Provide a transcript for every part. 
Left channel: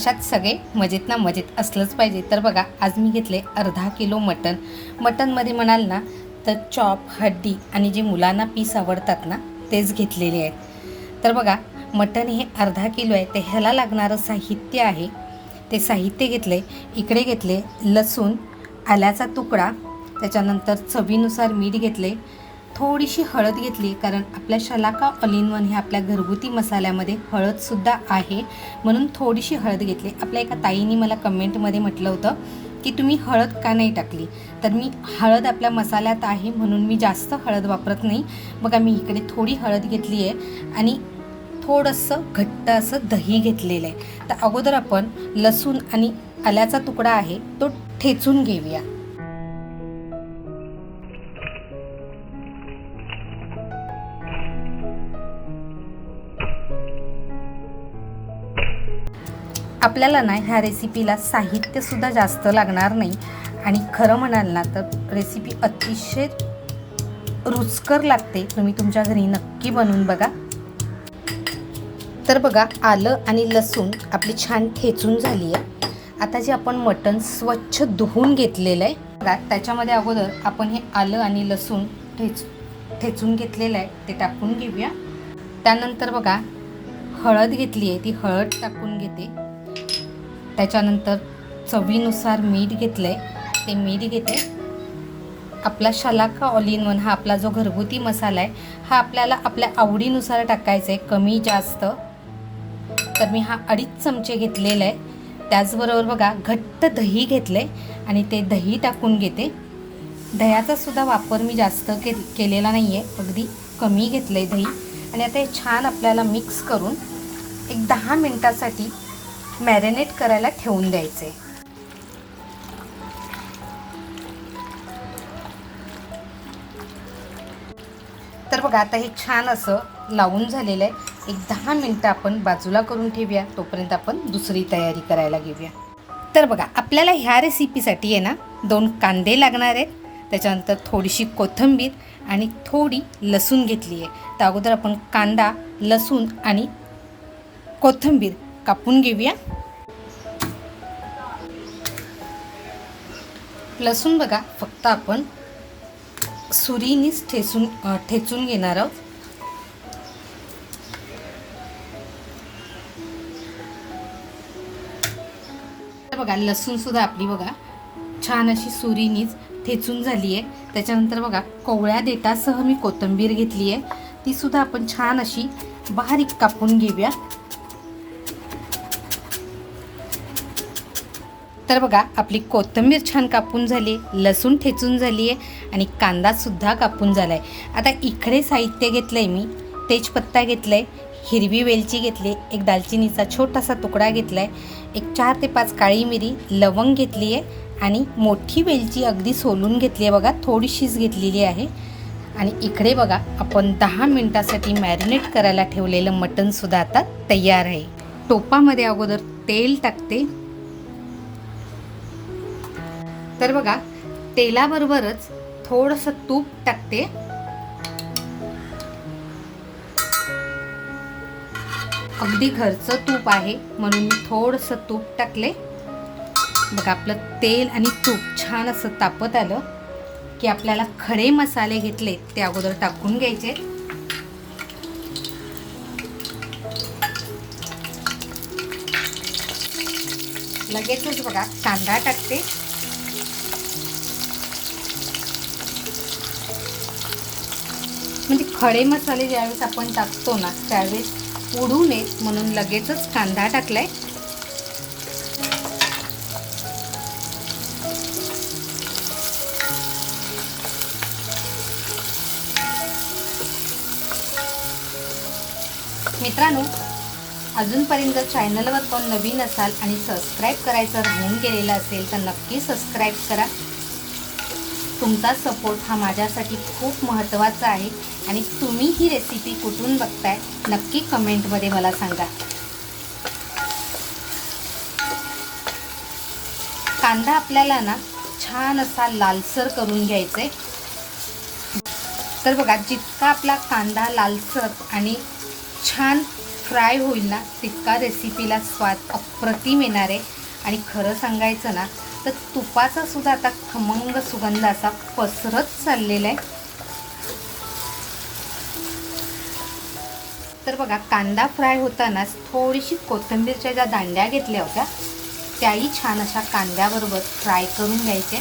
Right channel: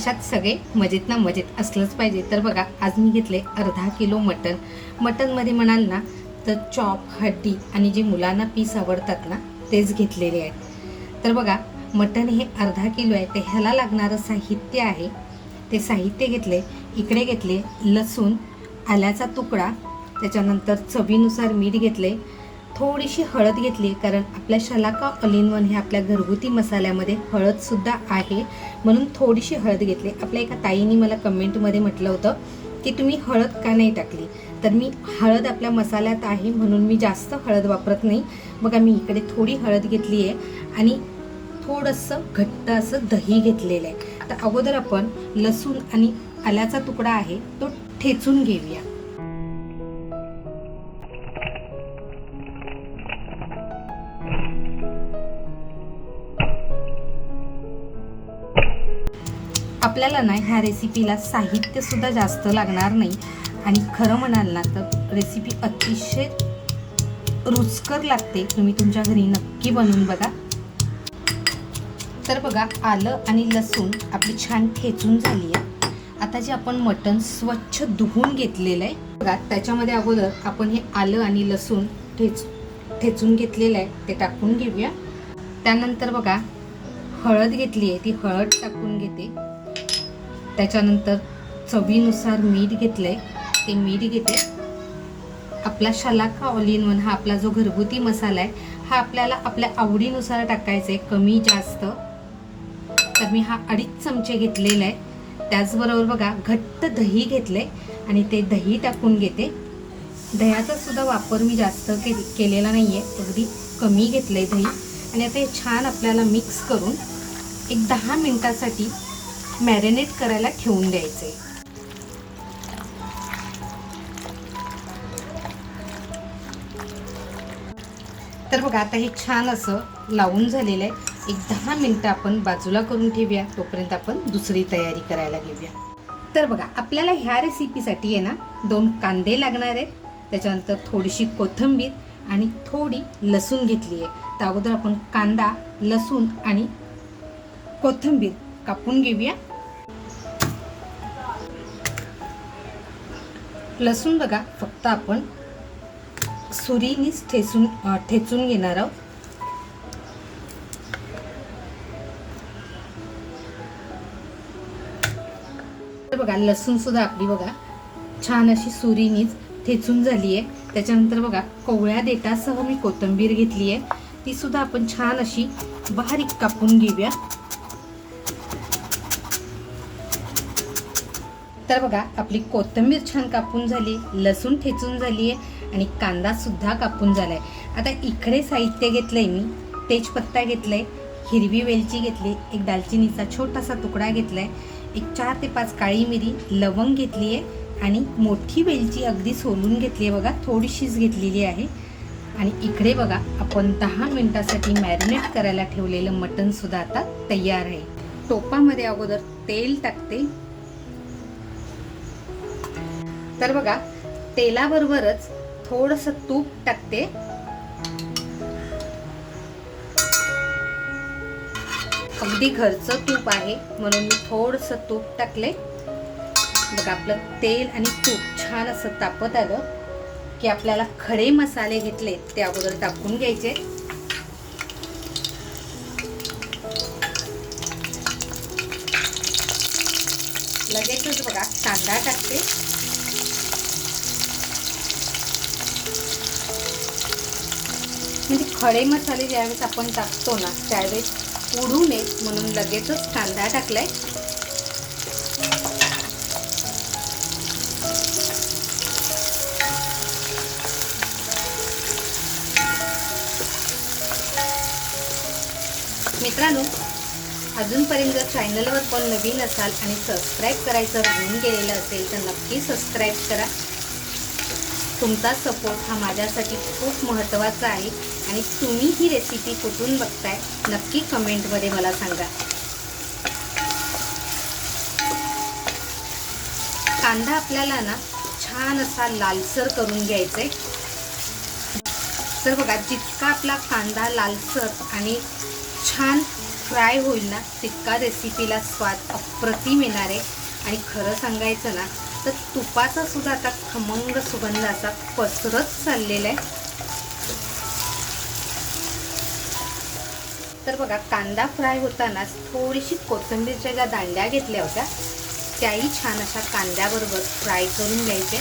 कशात सगळे मजेत ना मजेत असलंच पाहिजे। तर बघा आज मी घेतले अर्धा किलो मटण। मटणमध्ये म्हणाल ना तर चॉप, हड्डी आणि जे मुलांना पीस आवडतात ना तेच घेतलेले आहे। तर बघा मटण हे अर्धा किलो आहे, तर ह्याला लागणारं साहित्य आहे ते साहित्य घेतले। इकडे घेतले लसूण, आल्याचा तुकडा, त्याच्यानंतर चवीनुसार मीठ घेतले, थोडीशी हळद घेतली, कारण आपल्या शलाका ऑल इन वन हे आपल्या घरगुती मसाल्यामध्ये हळदसुद्धा आहे म्हणून थोडीशी हळद घेतली। आपल्या एका ताईने मला कमेंटमध्ये म्हटलं होतं की तुम्ही हळद का नाही टाकली, तर मी हळद आपल्या मसाल्यात आहे म्हणून मी जास्त हळद वापरत नाही। बघा मी इकडे थोडी हळद घेतली आहे आणि थोडंसं घट्ट असं दही घेतलेलं आहे। तर अगोदर आपण लसूण आणि आल्याचा तुकडा आहे तो ठेचून घेऊया। आपल्याला ना ह्या रेसिपीला साहित्यसुद्धा जास्त लागणार नाही आणि खरं म्हणाल ना तर रेसिपी अतिशय रुचकर लागते। तुम्ही तुमच्या घरी नक्की बनवून बघा। तर बघा आलं आणि लसूण आपली छान ठेचून झाली आहे। आता जे आपण मटण स्वच्छ धुवून घेतलेलं आहे बघा, त्याच्यामध्ये अगोदर आपण हे आलं आणि लसूण ठेचून घेतलेलं आहे ते टाकून घेऊया। त्यानंतर बघा हळद घेतली आहे, ती हळद टाकून घेते। त्याच्यानंतर चवीनुसार मीठ घेतलंय, ते मीठ घेते। आपला शलाका ऑल इन वन हा आपला जो घरगुती मसाला आहे हा आपल्याला आपल्या आवडीनुसार टाकायचा आहे, कमी जास्त। तर मी हा 2.5 चमचे घेतलेला आहे। त्याचबरोबर बघा घट्ट दही घेतलंय आणि ते दही टाकून घेते। दह्याचा सुद्धा वापर मी जास्त केलेला नाही आहे, अगदी कमी घेतलंय दही। आणि आता हे छान आपल्याला मिक्स करून एक 10 मिनिटासाठी मॅरिनेट करायला ठेवून द्यायचे। तर बघा आता हे छान असं लावून झालेलं आहे। एक 10 मिनिटं आपण बाजूला करून ठेवूया, तोपर्यंत आपण दुसरी तयारी करायला घेऊया। तर बघा आपल्याला ह्या रेसिपीसाठी आहे ना 2 कांदे लागणार आहेत, त्याच्यानंतर थोडीशी कोथिंबीर आणि थोडी लसूण घेतली आहे। तर अगोदर आपण कांदा, लसूण आणि कोथिंबीर कापून घेऊया। लसूण बघा फक्त आपण सुरीनीच ठेचून घेणार आहोत। तर बघा लसूण सुद्धा आपली बघा छान अशी सुरीनीच ठेचून झाली आहे। त्याच्यानंतर बघा कोवळ्या देठासह मी कोथिंबीर घेतली आहे, ती सुद्धा आपण छान अशी बारीक कापून घेऊया। तर बघा आपली कोथिंबीर छान कापून झाली, लसूण ठेचून झाली आहे आणि कांदा सुद्धा कापून झालाय। आता इकडे साहित्य घेतलंय मी, तेजपत्ता घेतलाय, हिरवी वेलची घेतली, एक दालचिनीचा छोटासा तुकडा घेतलाय, एक 4 ते 5 काळी मिरी, लवंग घेतली आहे आणि मोठी वेलची अगदी सोलून घेतली आहे बघा, थोडीशीच घेतलेली आहे। आणि इकडे बघा आपण 10 मिनिटासाठी मॅरिनेट करायला ठेवलेलं मटण सुद्धा आता तयार आहे। टोपामध्ये अगोदर तेल टाकते। तर बघा तेलाबरोबरच थोडंसं तूप टाकते। अगदी घरचं तूप आहे म्हणून मी थोडंसं तूप टाकले। बघा आपलं तेल आणि तूप छान असं तापत आलं की आपल्याला खडे मसाले घेतले ते अगोदर टाकून घ्यायचे। लगेचच बघा कांदा टाकते। म्हणजे खडे मसाले ज्यावेळेस आपण टाकतो ना त्यावेळेस उडू नयेत म्हणून लगेचच कांदा टाकलाय। मित्रांनो अजूनपर्यंत जर चॅनलवर पण नवीन असाल आणि सबस्क्राईब करायचं राहून गेलेलं असेल तर नक्की सबस्क्राईब करा। तुमचा सपोर्ट हा माझ्यासाठी खूप महत्त्वाचा आहे आणि तुम्ही ही रेसिपी कुठून बघताय नक्की कमेंटमध्ये मला सांगा। कांदा आपल्याला ना छान असा लालसर करून घ्यायचा आहे। तर बघा जितका आपला कांदा लालसर आणि छान फ्राय होईल ना तितका रेसिपीला स्वाद अप्रतिम येणार आहे. आणि खरं सांगायचं ना तर तुपाचा सुद्धा आता खमंग सुगंध असा पसरत चाललेला आहे. तर बघा, कांदा फ्राय होतानाच थोडीशी कोथिंबीरच्या ज्या दांड्या घेतल्या होत्या त्याही छान अशा कांद्याबरोबर फ्राय करून घ्यायचे.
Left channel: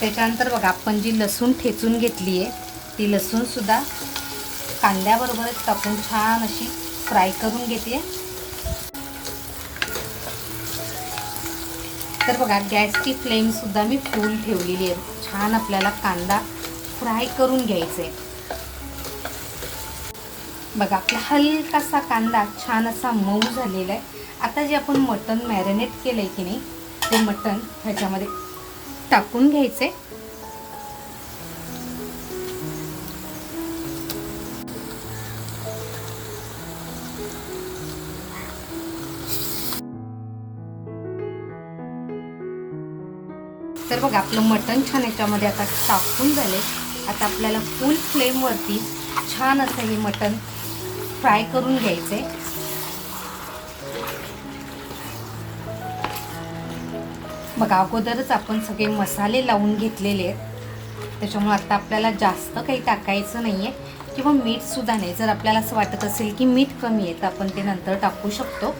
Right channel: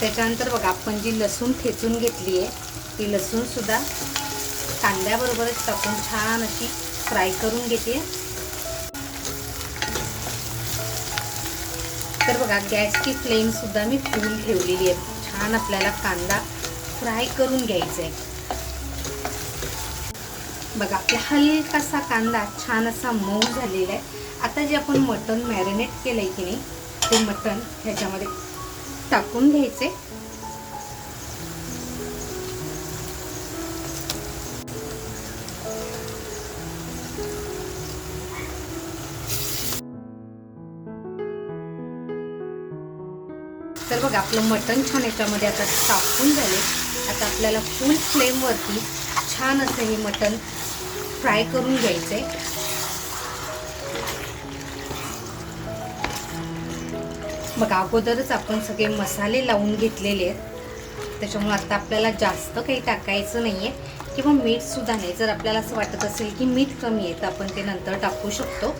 त्याच्यानंतर बघा, आपण जी लसूण ठेचून घेतली आहे ती लसूण सुद्धा कांद्याबरोबरच टाकून छान अशी फ्राय करून घेते. तर बघा, गॅसची फ्लेम सुद्धा मी फुल ठेवलेली आहे. छान आपल्याला कांदा फ्राय करून घ्यायचा आहे. बघा, आपला हलकासा कांदा छान असा मऊ झालेला आहे. आता जे आपण मटण मॅरिनेट केलंय की नाही ते मटण ह्याच्यामध्ये टाकून घ्यायचे. तर बघा, आपलं मटण छान याच्यामध्ये आता टाकून झाले. आता आपल्याला फुल फ्लेमवरती छान असं हे मटण फ्राय करून घ्यायचे. बघा, अगोदरच आपण सगळे मसाले लावून घेतलेले आहेत त्याच्यामुळे आता आपल्याला जास्त काही टाकायचं नाही आहे किंवा मीठ सुद्धा नाही. जर आपल्याला असं वाटत असेल की मीठ कमी आहे तर आपण ते नंतर टाकू शकतो.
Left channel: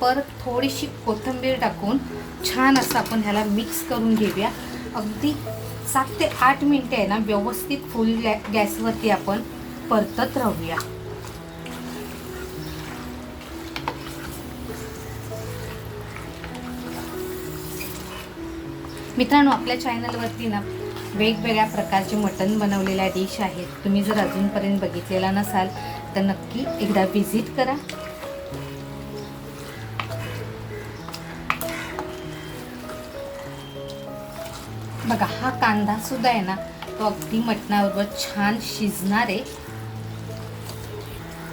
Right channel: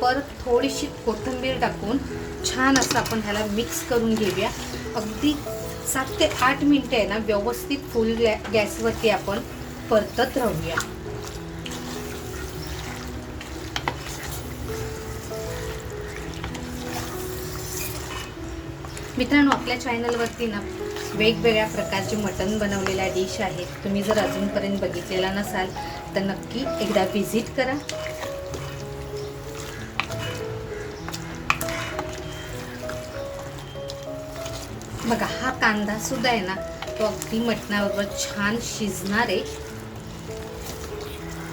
परत थोडीशी कोथिंबीर टाकून छान असं आपण ह्याला मिक्स करून घेऊया. अगदी 7 ते 8 मिनिटे आहे ना व्यवस्थित फुल गॅसवरती आपण परतत राहूया. मित्रांनो, आपल्या चॅनलवरती ना वेगवेगळ्या प्रकारचे मटण बनवलेल्या डिश आहेत. तुम्ही जर अजूनपर्यंत बघितलेला नसाल तर नक्की एकदा व्हिजिट करा. बघा, हा कांदा सुद्धा आहे ना तो अगदी मटणाबरोबर छान शिजणार आहे.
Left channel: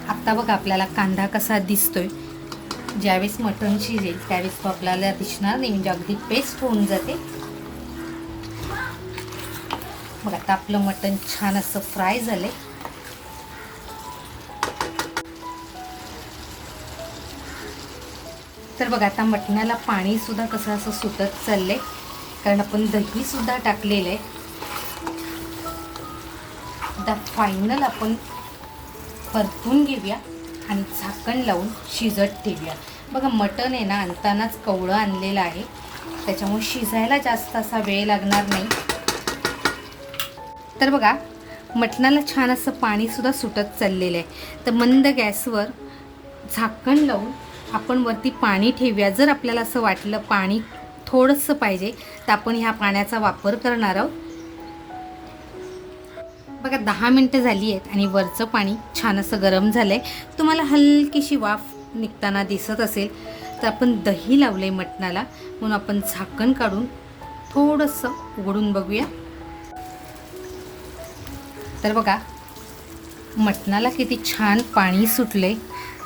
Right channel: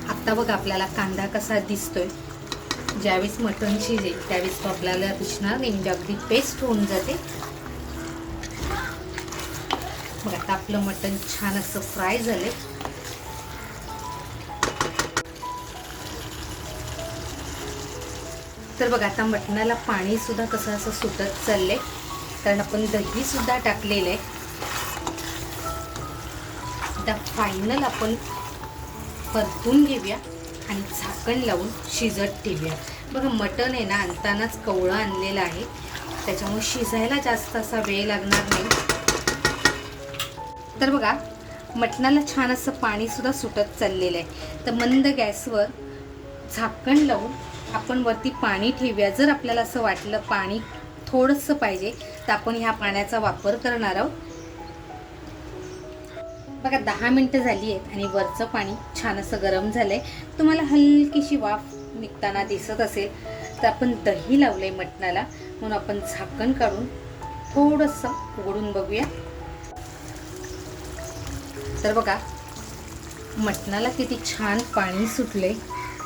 आता बघा, आपल्याला कांदा कसा दिसतोय. ज्यावेळेस मटण शिजेल त्यावेळेस तो आपल्याला दिसणार नाही, म्हणजे अगदी पेस्ट होऊन जाते. बघा, आता आपलं मटण छान असं फ्राय झालंय. तर बघा, आता मटणाला पाणी सुद्धा कसं असं सुटत चाललंय कारण आपण दही सुद्धा टाकलेलं आहे. आता फायनल आपण परतून घेऊया आणि झाकण लावून शिजत ठेवूया. बघा, मटण आहे ना आणतानाच कवळं आणलेलं आहे त्याच्यामुळे शिजायला जास्त असा वेळ लागणार नाही. तर बघा, मटणाला छान असं पाणी सुद्धा सुटत चाललेलं आहे. तर मंद गॅसवर झाकण लावून आपण वरती पाणी ठेवूया. जर आपल्याला असं वाटलं पाणी थोडंसं पाहिजे तर आपण ह्या पाण्याचा वापर करणार आहोत. बघा, 10 मिनिटं झाली आहेत आणि वरचं पाणी छान असं गरम झालंय. तुम्हाला हलकीशी वाफ निघताना दिसत असेल तर आपण दही लावलंय मटणाला म्हणून आपण झाकण काढून थोडंसं उघडून बघूया. तर बघा, मटणाला किती छान पाणी सुटलंय.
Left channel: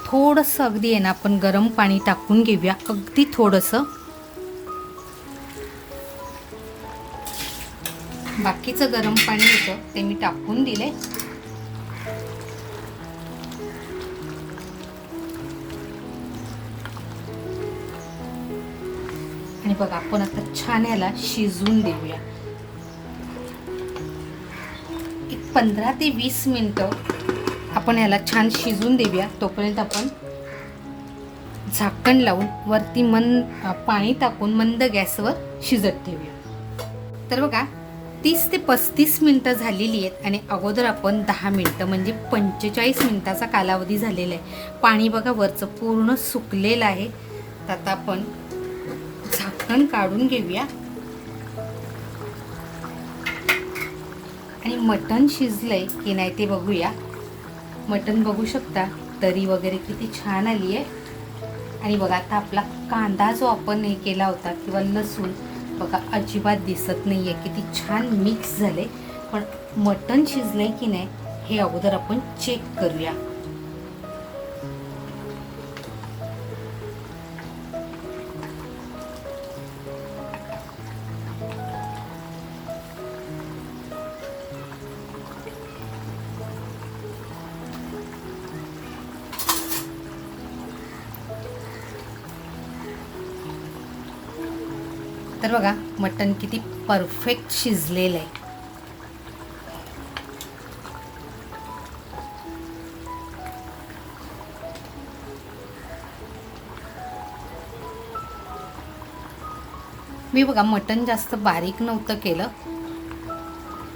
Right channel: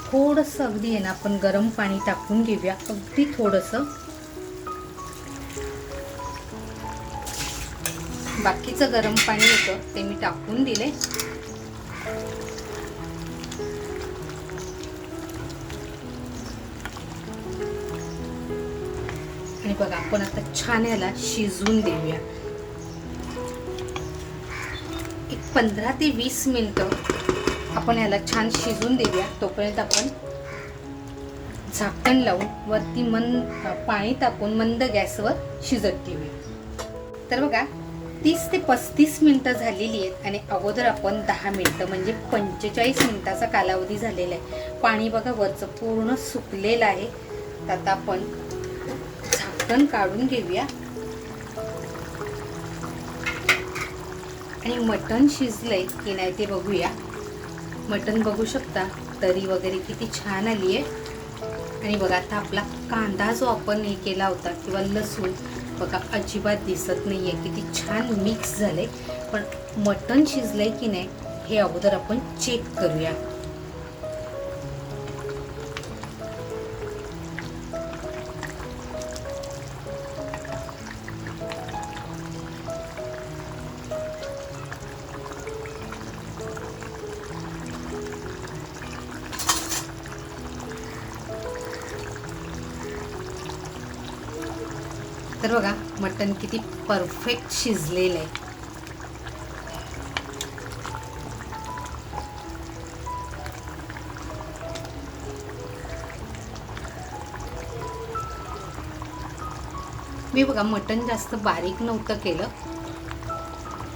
थोडंसं अगदी आहे ना आपण गरम पाणी टाकून घेऊया, अगदी थोडंसं. बाकीचं गरम पाणी होतं ते मी टाकून दिले. आणि बघा, आपण आता छान ह्याला शिजवून देऊया. 15 ते 20 मिनिटं आपण ह्याला छान शिजून देऊया. तोपर्यंत आपण झाकण लावून वरती पाणी टाकून मंद गॅसवर शिजत ठेवूया. तर बघा, 30 ते 35 मिनिटं झालेली आहेत आणि अगोदर आपण 10 मिनिटं म्हणजे 45 मिनिटाचा कालावधी झालेला आहे. पाणी बघा वरचं पूर्ण सुकलेलं आहे. तर आता आपण झाकण काढून घेऊया आणि मटण शिजलंय की नाही ते बघूया. मटण बघू शकता, तरी वगैरे किती छान आली आहे. आणि बघा, आता आपला कांदा जो आपण हे केला होता किंवा लसूण बघा अजिबात दिसत नाही आहे, किती छान मिक्स झाले. पण मटण शिजलंय की नाही हे अगोदर आपण चेक करूया. तर बघा मटण किती परफेक्ट शिजलेलं आहे. मी बघा मटण जास्त बारीक नव्हतं केलं,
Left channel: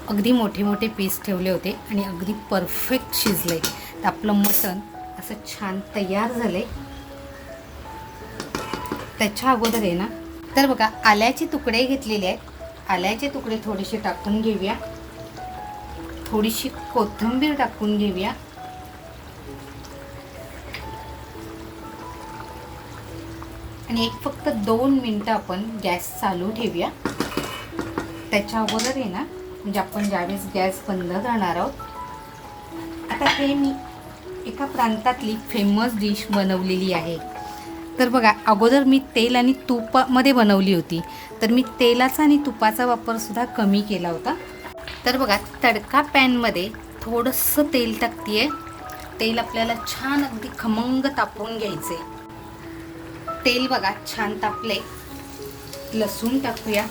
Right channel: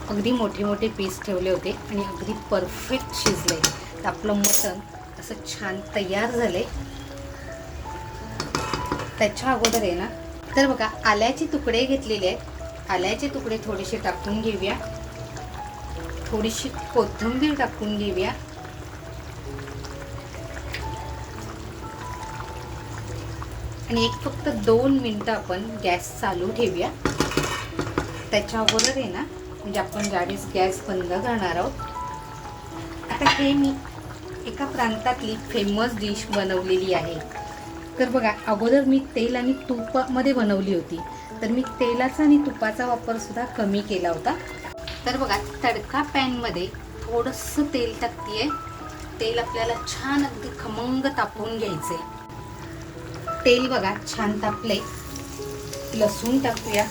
अगदी मोठे मोठे पीस ठेवले होते आणि अगदी परफेक्ट शिजले. तर आपलं मटण असं छान तयार झाले. त्याच्या अगोदर आहे ना, तर बघा आल्याचे तुकडे घेतलेले आहेत. आल्याचे तुकडे थोडेसे टाकून घेऊया, थोडीशी कोथिंबीर टाकून घेऊया, आणि एक फक्त 2 मिनिटं आपण गॅस चालू ठेवूया. त्याच्या अगोदर आहे ना, म्हणजे आपण ज्यावेळेस गॅस बंद करणार आहोत. आता हे मी एका प्रांतातली फेमस डिश बनवलेली आहे. तर बघा अगोदर मी तेल आणि तुपामध्ये बनवली होती, तर मी तेलाचा आणि तुपाचा वापर सुद्धा कमी केला होता. तर बघा तडका पॅनमध्ये थोडंसं तेल टाकते. तेल आपल्याला छान अगदी खमंग तापवून घ्यायचे. तेल बघा छान तापले. लसूण टाकूया,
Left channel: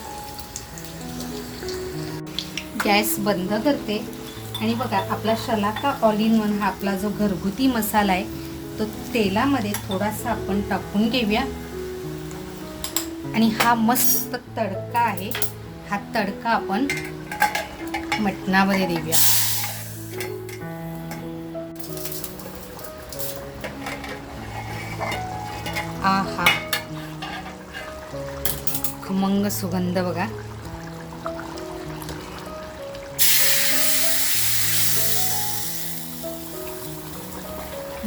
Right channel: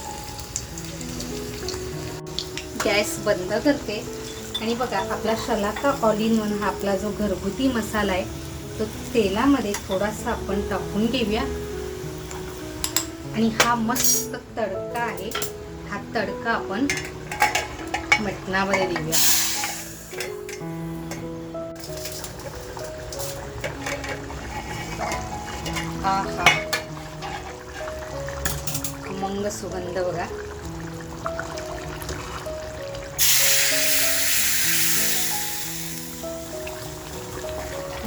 गॅस बंद करते आणि बघा आपला शलाका ऑल इन वन हा आपला जो घरगुती मसाला आहे तो तेलामध्ये थोडासा आपण टाकून घेऊया. आणि हा मस्त तडका आहे, हा तडका आपण मटणामध्ये देऊया. आहा, खमंग सुगंध बघा.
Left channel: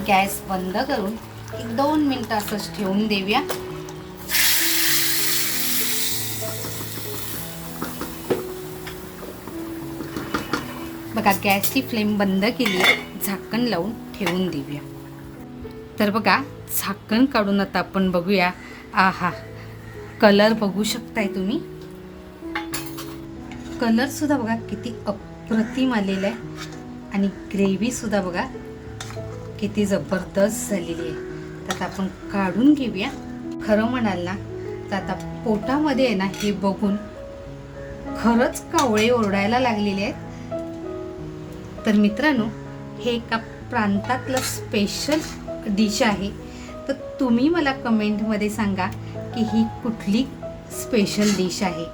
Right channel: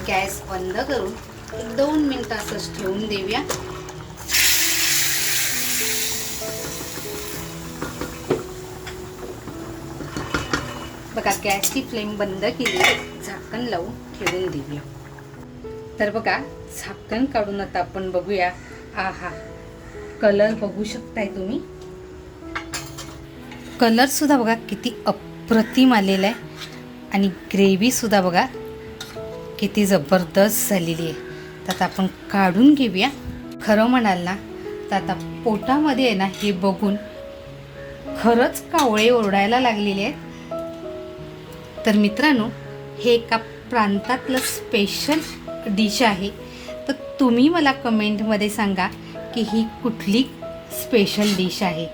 गॅस बंद करून 1-2 मिनिटं असंच ठेवून देऊया. बघा गॅसची फ्लेम बंद केली, झाकण लावून ठेवून देऊया. तर बघा झाकण काढून आता आपण बघूया. आहा, कलर बघू शकताय तुम्ही. कलर सुद्धा बघा किती अप्रतिम आलेला आहे आणि ग्रेव्ही सुद्धा बघा किती जबरदस्त झालेली आहे. तर आता आपण काढून घेऊया. खरं म्हणाल ना तर आता पोटामध्ये आहे ना हे बघून खरंच कावळे ओरडायला लागलेले आहेत. तर मित्रांनो, हे एका प्रांतातलं स्पेशल डिश आहे. तर तुम्ही मला कमेंटमध्ये सांगा की ही कुठली स्पेशल डिश आहे.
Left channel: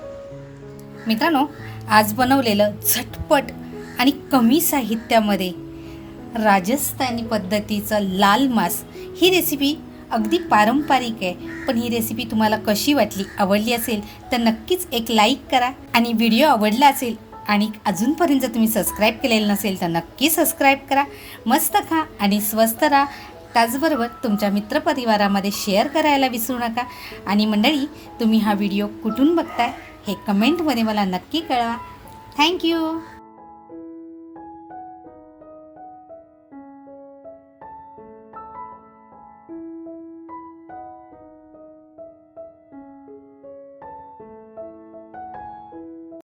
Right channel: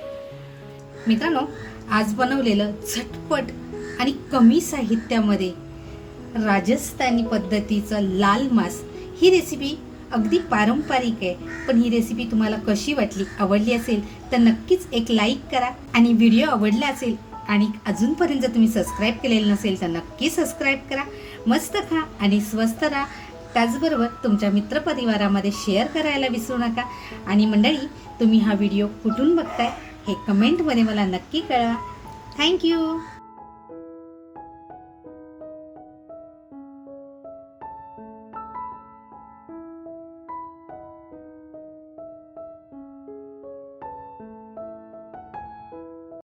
मित्रांनो, आज बनवलेलं झटपट आणि कमी साहित्यामध्ये राजस्थानी पद्धतीचं लाल मांस, ही रेसिपी अगदी पारंपरिक आहे. पण ही रेसिपी तुम्हाला कशी वाटली, आवडली असेल तर नक्कीच एक लाईक करा. आणि व्हिडिओ आवडला असेल आणि अजूनपर्यंत जर तुम्ही सबस्क्राईब केलेलं नसेल तर नक्की सबस्क्राईब करा. मस्त खा आणि स्वस्त राहा. त्याचबरोबर तुमच्या मित्रपरिवारामध्ये शेअर करायला विसरू नका. आणि मंडळी, तुम्ही हा व्हिडिओ कुठून बघताय हे कमेंटमध्ये मला नक्की कळवा. थँक्यू.